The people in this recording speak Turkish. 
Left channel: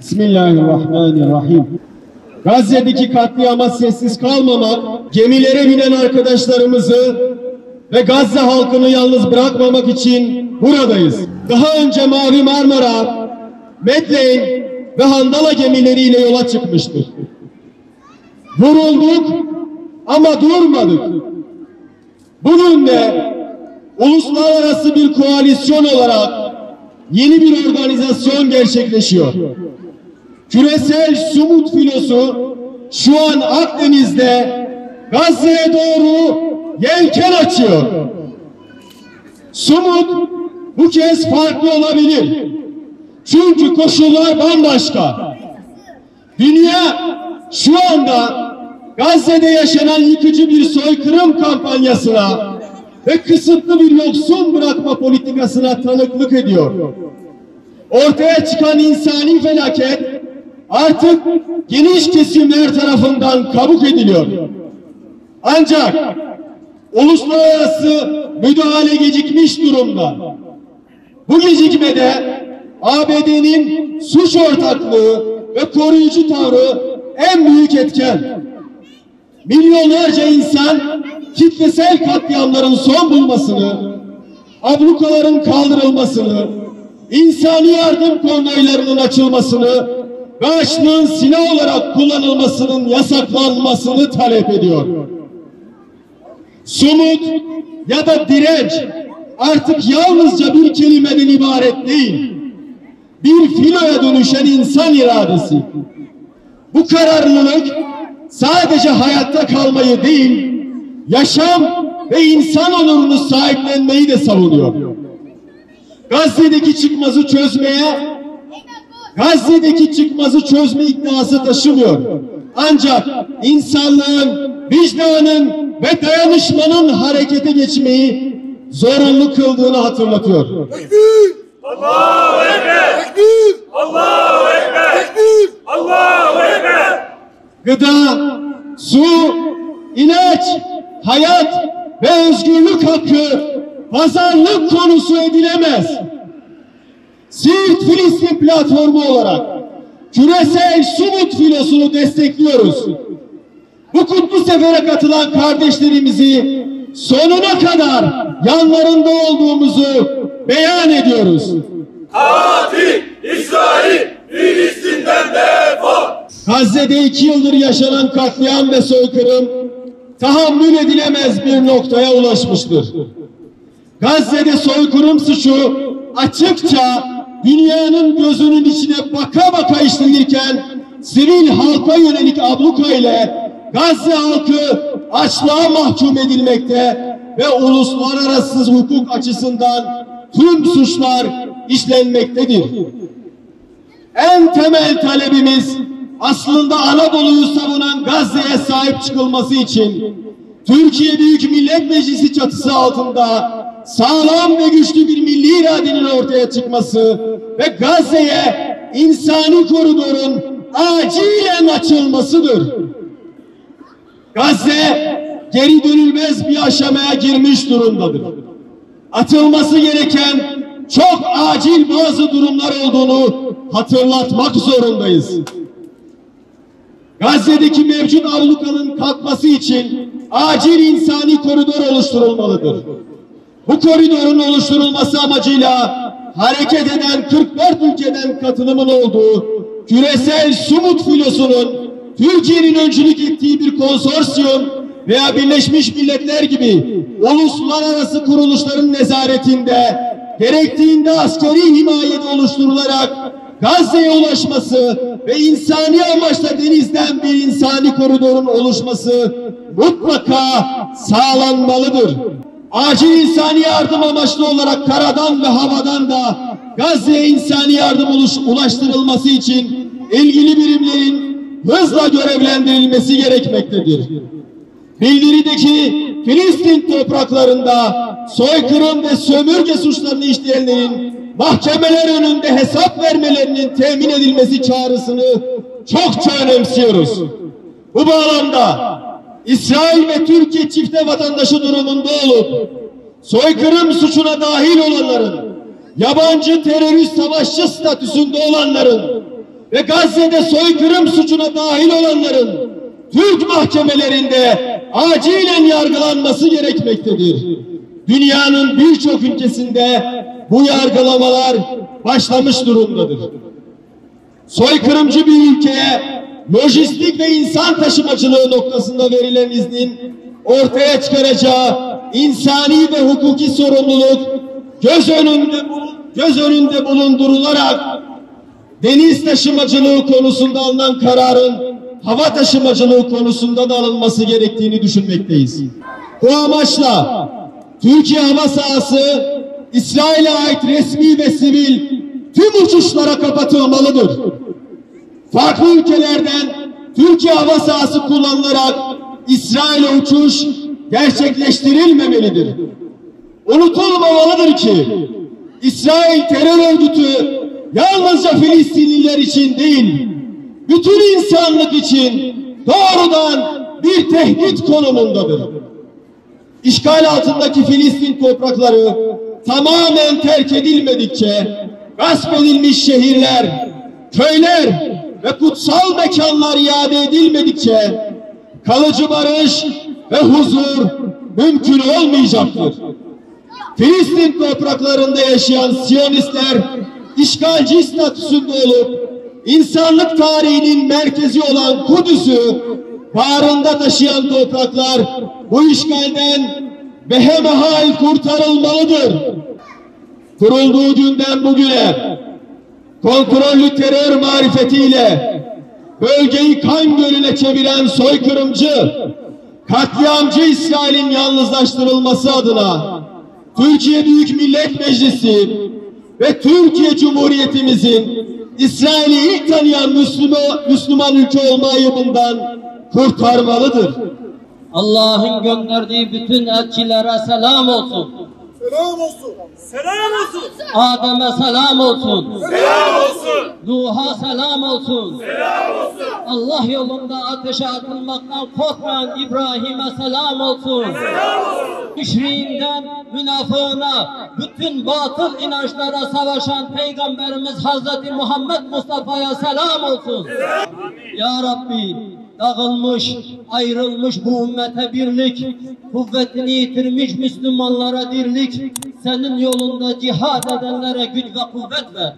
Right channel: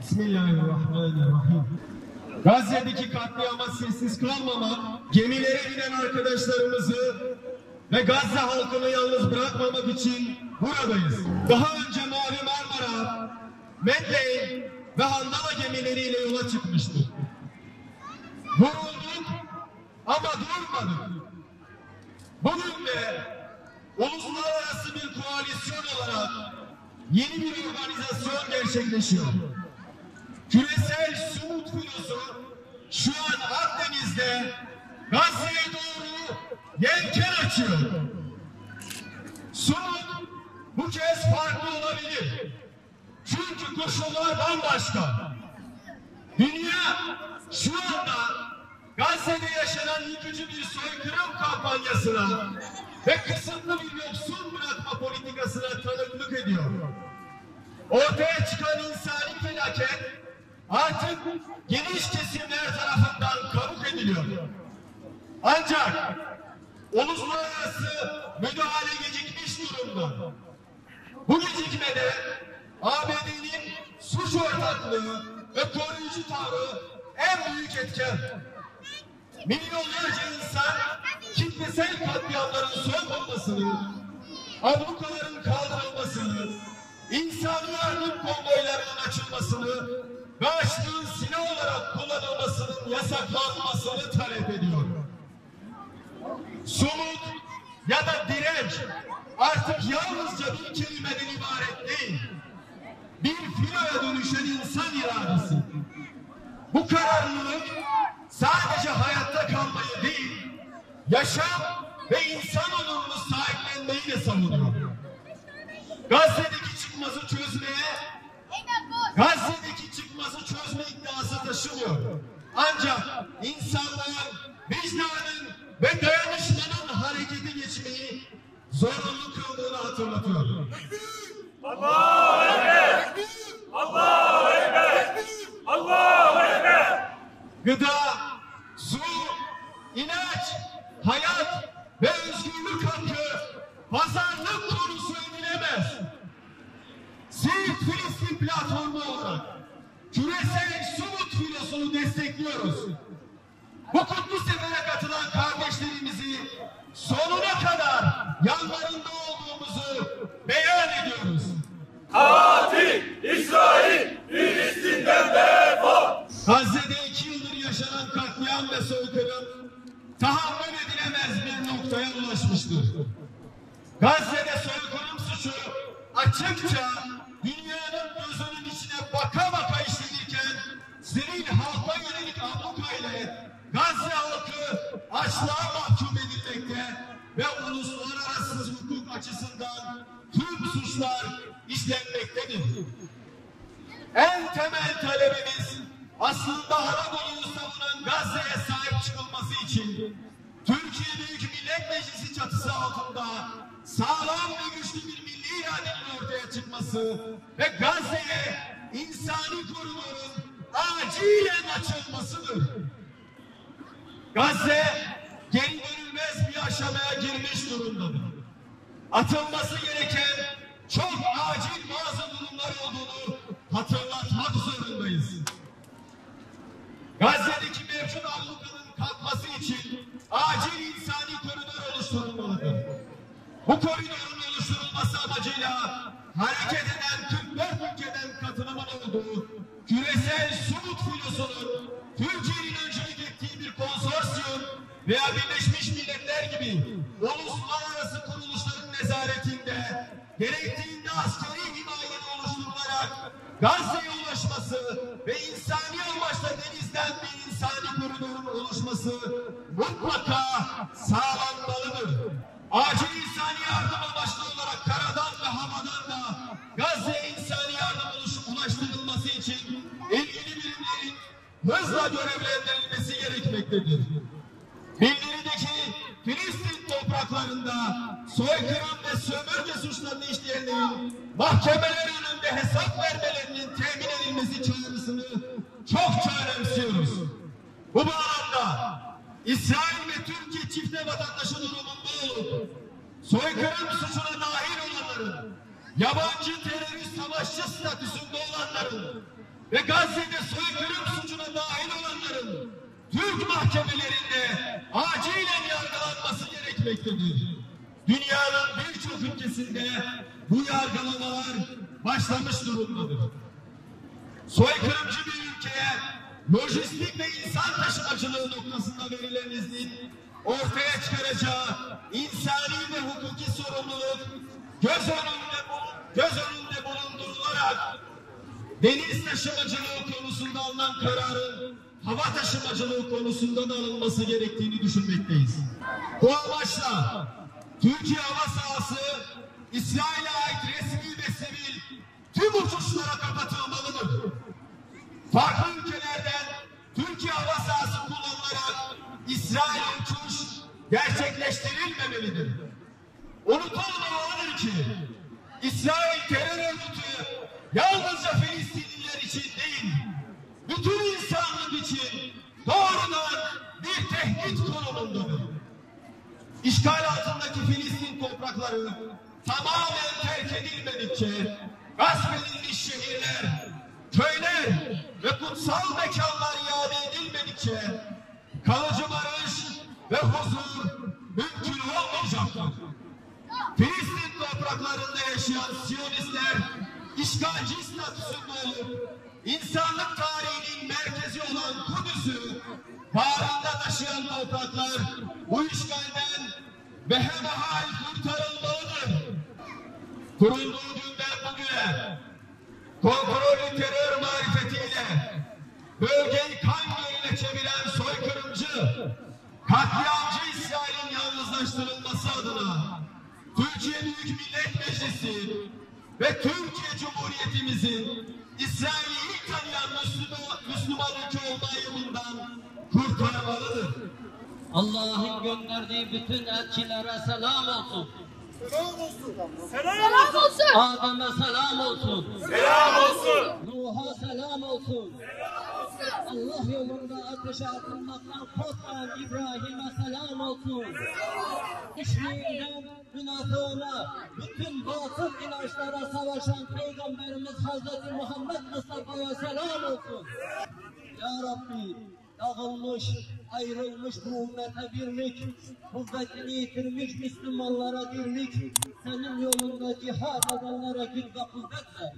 Bismillahirrahmanirrahim. Gazze'deki katliama sessiz kalmamak, gemilere binen arkadaşlarımızı ve Gazze halkını yalnız bırakmamak için buradayız. Daha önce Mavi Marmara, Medley ve Handala gemileriyle yola çıkmıştık. Vurulduk ama durmadık. Bugün de uluslararası bir koalisyon olarak yeni bir organizasyon gerçekleşiyor. Küresel Sumut filosu şu an Akdeniz'de Gazze'ye doğru yelken açıyor. Sumut bu kez farklı olabilir. Çünkü koşullar bambaşka. Dünya şu anda Gazze'de yaşanan yıkıcı bir soykırım kampanyasına ve kısıtlı bir yoksun bırakma politikasına tanıklık ediyor. Ortaya çıkan insani felaket artık geniş kesimler tarafından kabul ediliyor. Ancak uluslararası müdahale gecikmiş durumda. Bu gecikmede ABD'nin suç ortaklığı ve koruyucu tavrı en büyük etken. Milyonlarca insan kitlesel katliamların son bulmasını, ablukaların kaldırılmasını, insani yardım konvoylarının açılmasını ve açlığın silah olarak kullanılmasının yasaklanmasını talep ediyor. Sumut ya da direnç artık yalnızca bir kelimeden ibaret değil, bir filoya dönüşen insan iradesi. Bu kararlılık sadece hayatta kalmayı değil, yaşam ve insan onurunu sahiplenmeyi de savunuyor. Gazze'deki çıkmazı çözme iddiası taşımıyor. Ancak insanlığın, vicdanın ve dayanışmanın harekete geçmeyi zorunlu kıldığını hatırlatıyor. Allahu Ekber! Allahu Ekber! Allahu Ekber! Gıda, su, ilaç, hayat ve özgürlük hakkı pazarlık konusu edilemez. Siirt Filistin platformu olarak küresel Sumut filosunu destekliyoruz. Bu kutlu sefere katılan kardeşlerimizi sonuna kadar yanlarında olduğumuzu beyan ediyoruz. Katil İsrail Filistin'den defol! Gazze'de 2 yıldır yaşanan katliam ve soykırım tahammül edilemez bir noktaya ulaşmıştır. Gazze'de soykırım suçu açıkça dünyanın gözünün içine baka baka işlenirken sivil halka yönelik abluka ile Gazze halkı açlığa mahkum edilmekte ve uluslararası hukuk açısından tüm suçlar işlenmektedir. En temel talebimiz aslında Anadolu'yu savunan Gazze'ye sahip çıkılması için Türkiye Büyük Millet Meclisi çatısı altında sağlam ve güçlü bir milli iradenin ortaya çıkması ve Gazze'ye insani koridorun acilen açılmasıdır. Gazze geri dönülmez bir aşamaya girmiş durumdadır. Atılması gereken çok acil bazı durumlar olduğunu hatırlatmak zorundayız. Gazze'deki mevcut ablukanın kalkması için acil insani koridor oluşturulmalıdır. Bu koridorun oluşturulması amacıyla hareket eden 44 ülkeden katılımın olduğu küresel Sumut filosunun Türkiye'nin öncülük ettiği bir konsorsiyum veya Birleşmiş Milletler gibi uluslararası kuruluşların nezaretinde gerektiğinde askeri himayede oluşturularak Gazze'ye ulaşması ve insani amaçla denizden bir insani koridorun oluşması mutlaka sağlanmalıdır. Acil insani yardım amaçlı olarak karadan ve havadan da Gazze'ye insani yardım ulaştırılması için ilgili birimlerin hızla görevlendirilmesi gerekmektedir. Bildirideki Filistin topraklarında soykırım ve sömürge suçlarını işleyenlerin mahkemeler önünde hesap vermelerinin temin edilmesi çağrısını çokça önemsiyoruz. Bu bağlamda İsrail ve Türkiye çifte vatandaşı durumunda olup soykırım suçuna dahil olanların yabancı terörist savaşçı statüsünde olanların ve Gazze'de soykırım suçuna dahil olanların Türk mahkemelerinde acilen yargılanması gerekmektedir. Dünyanın birçok ülkesinde bu yargılamalar başlamış durumdadır. Soykırımcı bir ülkeye lojistik ve insan taşımacılığı noktasında verilen iznin ortaya çıkaracağı insani ve hukuki sorumluluk göz önünde bulundurularak deniz taşımacılığı konusunda alınan kararın hava taşımacılığı konusunda da alınması gerektiğini düşünmekteyiz. Bu amaçla Türkiye hava sahası İsrail'e ait resmi ve sivil tüm uçuşlara kapatılmalıdır. Farklı ülkelerden Türkiye hava sahası kullanılarak İsrail'e uçuş gerçekleştirilmemelidir. Unutulmamalıdır ki İsrail terör örgütü yalnızca Filistinliler için değil, bütün insanlık için doğrudan bir tehdit konumundadır. İşgal altındaki Filistin toprakları tamamen terk edilmedikçe gasp edilmiş şehirler, köyler ve kutsal mekanlar iade edilmedikçe kalıcı barış ve huzur mümkün olmayacaktır. Filistin topraklarında yaşayan Siyonistler işgalci statüsünde olup insanlık tarihinin merkezi olan Kudüs'ü bağrında taşıyan topraklar bu işgalden behemehal kurtarılmalıdır. Kurulduğu günden bugüne kontrollü terör marifetiyle bölgeyi kan gölüne çeviren soykırımcı, katliamcı İsrail'in yalnızlaştırılması adına Türkiye Büyük Millet Meclisi ve Türkiye Cumhuriyetimizin İsrail'i ilk tanıyan Müslüman ülke olma ayıbından kurtarmalıdır. Allah'ın gönderdiği bütün elçilere selam olsun. Selam olsun. Selam olsun. Adem'e selam olsun. Selam olsun. Nuh'a selam olsun. Selam olsun. Allah yolunda ateşe atılmaktan korkmayan İbrahim'e selam olsun. Müşriğinden münafığına, bütün batıl inançlara savaşan Peygamberimiz Hazreti Muhammed Mustafa'ya selam olsun. Ya Rabbi, dağılmış, ayrılmış bu ümmete birlik, kuvvetini yitirmiş Müslümanlara dirlik, senin yolunda cihad edenlere güç ve kuvvet ver.